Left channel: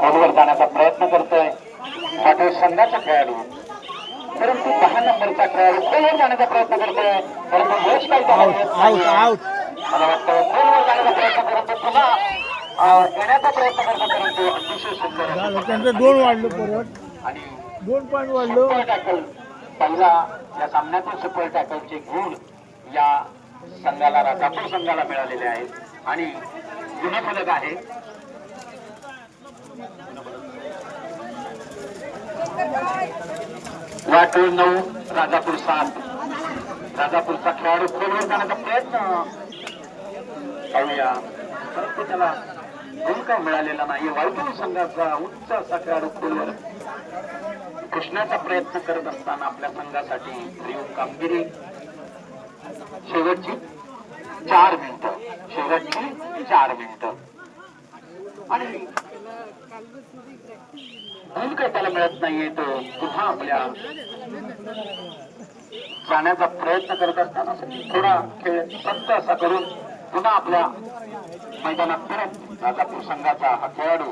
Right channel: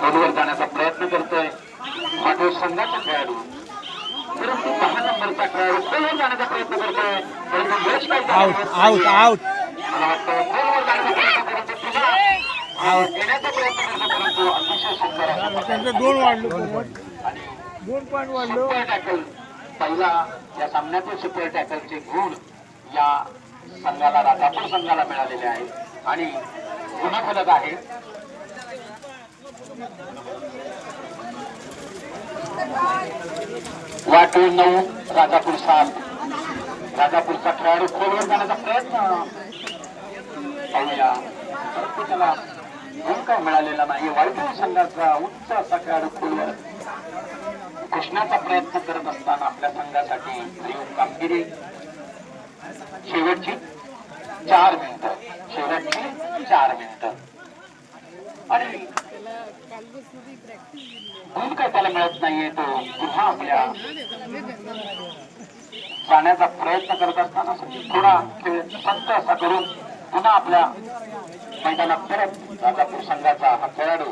खोलवर जाण्याचा प्रयत्न करतोय. पाटील संघाचा खेळाडू. परंतु दहा नंबरचा खेळाडू खोलवर जाण्याचा प्रयत्न करतोय. परंतु यश काही. मला वाटतं खोलवर जाण्याचा प्रयत्न करतो पुन्हा. येण्याचा प्रयत्न करतो परंतु अतिशय सुंदर दोन वाढलं परत. आणि दोन पॉईंट वाढलो. पहिला या सामन्यातील सुपर टॅकलचे गुण या संघाला राजापूर संघाला मिळालेले आहेत. आणि गुणफलक आहे. वाटून नऊ राजापूर सात. राजापूरचा खेळाडू खोलवर जाण्याचा प्रयत्न. पाहूया. परंतु त्याला गुण मिळालेला नाही. वाईटूळ संघाचा उच्च असा खेळाडू खोलवर घुसण्याचा प्रयत्न करत असताना आपल्या संघासाठी भरीव कामगिरी. शेवटची चार मिनिट. शेवटची चार मिनिट. आणि गुण काही त्याला मिळत नाहीये तो पुन्हा आपल्या जाण्याचा प्रयत्न करत असताना थोडा खेळ संत असा करून पुन्हा आपल्या मैदानात परत राजापूर संघाचा हा खेळाडू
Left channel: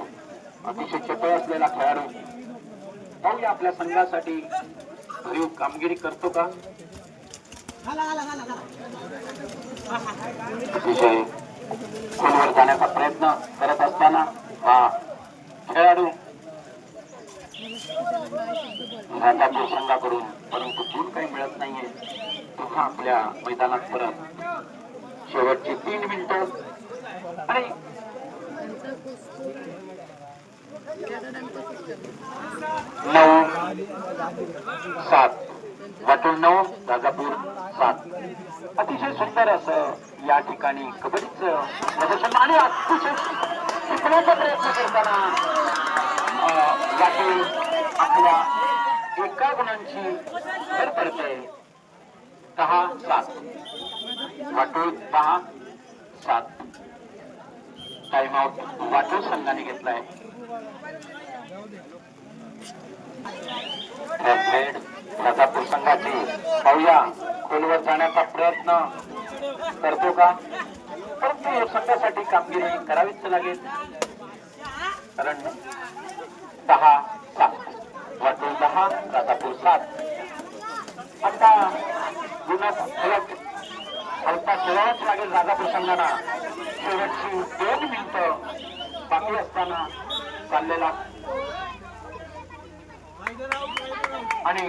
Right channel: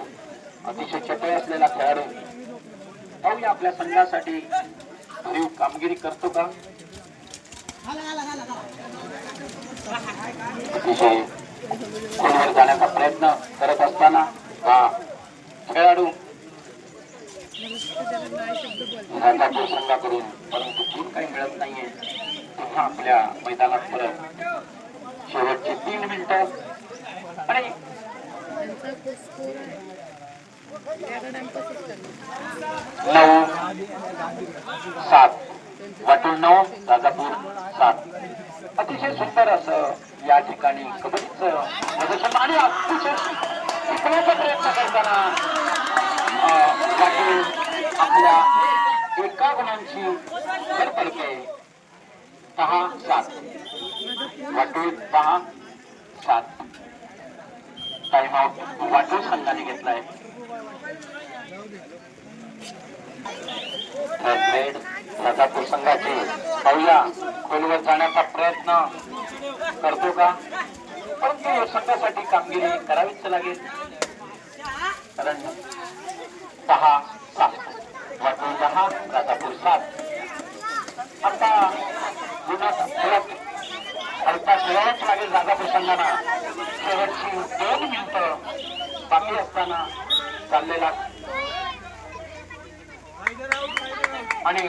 अतिशय चतुर असलेला खेळाडू. पाहूया आपल्या संघासाठी भरीव कामगिरी करतो का? अतिशय खोलवर जाण्याचा प्रयत्न करत असताना हा खेळाडू राजापूर संघाकडून परंतु गुण काही मिळत नाहीये पुन्हा आपल्या मैदानात परत. शेवटची तीन मिनिटं आणि नऊ सात वाटून नऊ राजापूर सात. अतिशय सुंदर असं या ठिकाणी कबड्डीच प्रदर्शन आणि अतिशय शिकण्याचा प्रयत्न करताना वाटून आपल्या एका गुणांची भर पडते. दहा सात. वाटून दहा सात. टाइम आउट वाटूळ संघाने घेतलाय. रेड राजापूर संघाची पाहूया. खोलवर जाण्याचा प्रयत्न करतो का? परंतु संघासाठी कामगिरी करावीच लागेल. कारण दहा सात वाटून दहा राजापूर सात. आता गुणात हलका खेळावाच लागेल राजापूर संघाला शेवटची दोन मिनिटं बाकी असताना चाललेला. आणि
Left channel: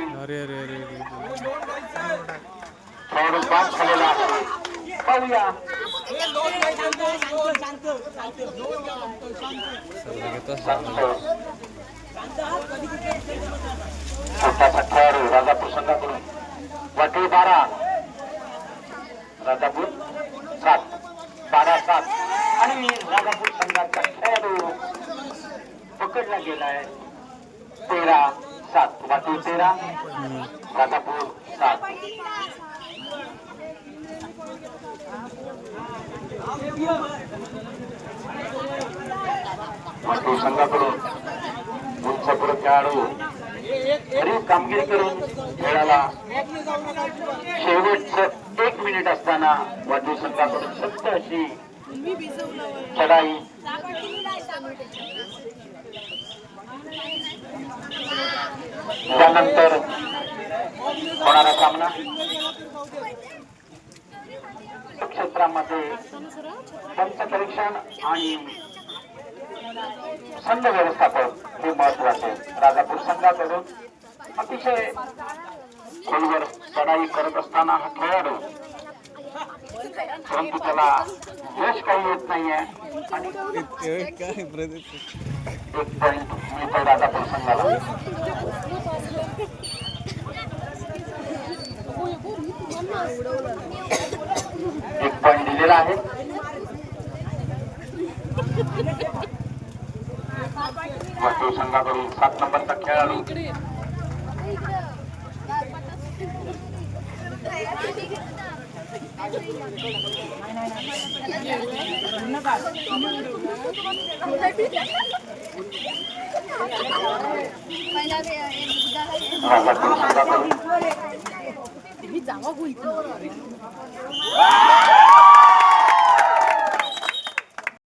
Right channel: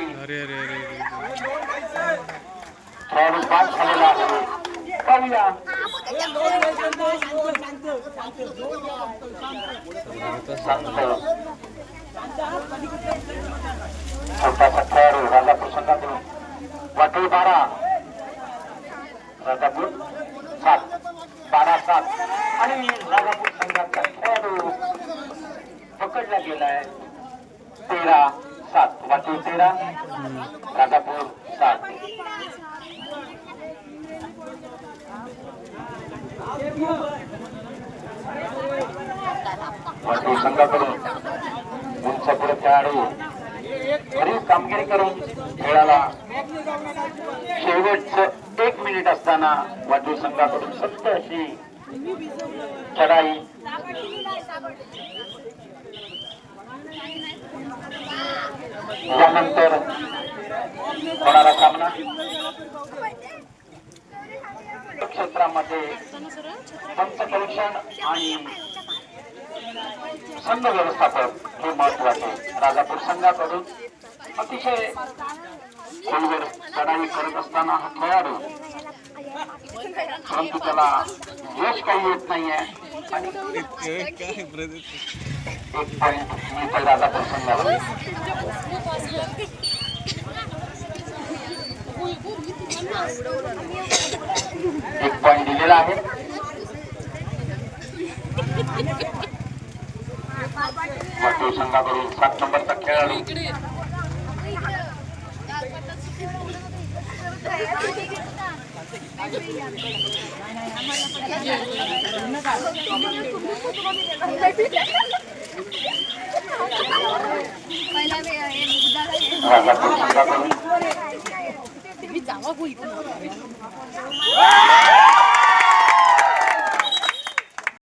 खेळाडू बाद झालेला आहे. पाहूया. छोटासा खेळाडू राजापूर संघाकडून वाटोळ बारा. राजापूर सात. बारा सात. आणि राजापूर संघाचा खेळाडू पकडला गेलाय. तेरा सात. वाटू तेरा. राजापूर सात. वाटू संघाकडून. उंचपुर खेळाडू. बरीच कामगिरी करून खेळाला शेवटचं एक मिनिट असताना वाटोळ संघाकडून सत्य अशी चढाई. त्यानंतर होणारा सामना. क्षेत्रामध्ये पंच परीक्षण आणि संघ व्यवस्थापक हे महत्त्वाचे राजापूर संघाकडून अतिशय खोलवर चढाई करत असताना हा खेळाडू परंतु त्याला यश काही येत नाहीये. आणि एक पॉइंट मिळतो राजापूर संघाला एक पॉइंट दिलेला आहे. वाटोळ संघाकडून सात नंबरचा खेळाडू राजापूर संघाकडून बघू इथं